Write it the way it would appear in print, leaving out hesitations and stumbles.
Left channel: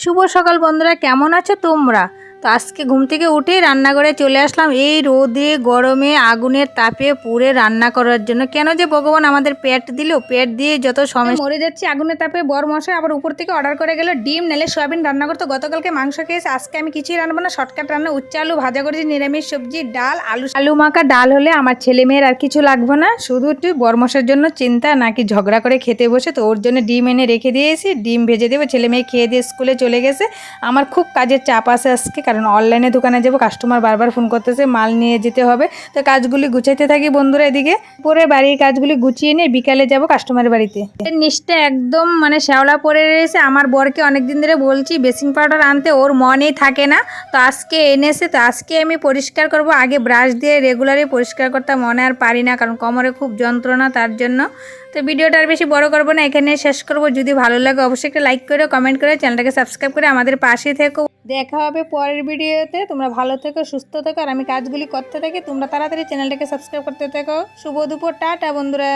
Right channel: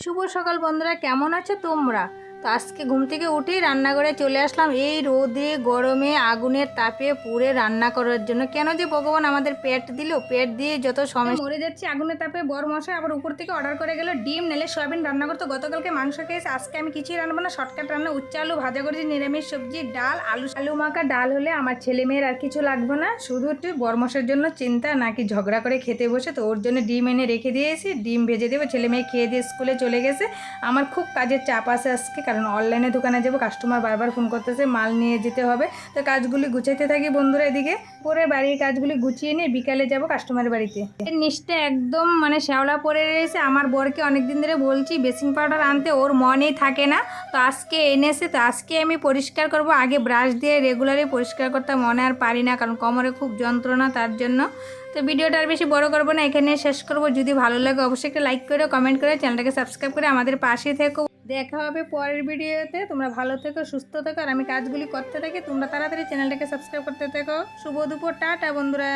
শুভ সকাল বন্ধুরা, কেমন আছো তোমরা? তো আজকে ঘুম থেকে উঠে রান্নাঘরে চলে আসলাম এই রোদে গরমে আগুনের তাপে পুড়ে রান্না করার জন্য। কেন যে ভগবান আমাদের পেট দিল, পেট দিয়ে যত সময় মরে যাচ্ছে আগুনের তাপে। বর মশাই আবার উপর থেকে অর্ডার করে গেল ডিম নালে সয়াবিন রান্না করতে। গতকালকে মাংস খেয়েছে, আজকে আমি কিছুই রান্নাবো না, শর্টকাট রান্না। উচ্চ আলু ভাজা করেছি, নিরামিষ সবজি, ডাল, আলু মাখা। ডাল হলে আমার ছেলে মেয়ের আর কিছু লাগবে না, শুধু একটু বরমশার জন্য চিন্তা, নাকি ঝগড়া করে খেতে বসে। তো ওর জন্য ডিম এনে রেখে দিয়েছি, ডিম ভেজে দেবো। ছেলে মেয়ে খেয়ে দিয়ে স্কুলে চলে গেছে। আমার খুব কাজের চাপ আছে আজকে, কারণ অনলাইনে দোকানে যাবো, কাস্টমার বারবার ফোন করতেছে, মাল নিয়ে যেতে হবে। তো কাজগুলি গুছাইতে থাকি বন্ধুরা। এদিকে পরে বাড়ির কাজগুলি গুছিয়ে নিয়ে বিকালে যাব কাস্টমারের বাড়িতে। নিচটা একদম শ্যাওলা পড়ে রয়েছে। আমার বরকে অনেকদিন ধরে বলছি বেসিং পাউডার আনতে, ওর মনেই থাকে না। তো আজকে এনেছে, তো আজকে আমি পরিষ্কার করব। আগে ব্রাশ দিয়ে রেগুলারই পরিষ্কার করতে মনে আর পারি না, কারণ কোমরে খুব যন্ত্রণা, তার জন্য। তো ভিডিওটা আর বেশি বড় করবো না, এখানে শেষ করব। যদি ভালো লাগে অবশ্যই একটা লাইক করে কমেন্ট করে চ্যানেলটাকে সাবস্ক্রাইব করে আমাদের পাশে থেকো। দেখা হবে পরের ভিডিওতে। তোমরা ভালো থেকো, সুস্থ থেকো, আর আমি কাজগুলি করতে থাকি। তোমরা তাড়াতাড়ি চ্যানেলটাকে সাবস্ক্রাইব করতে থেকো। শুভ দুপুর, টাটা বন্ধুরা।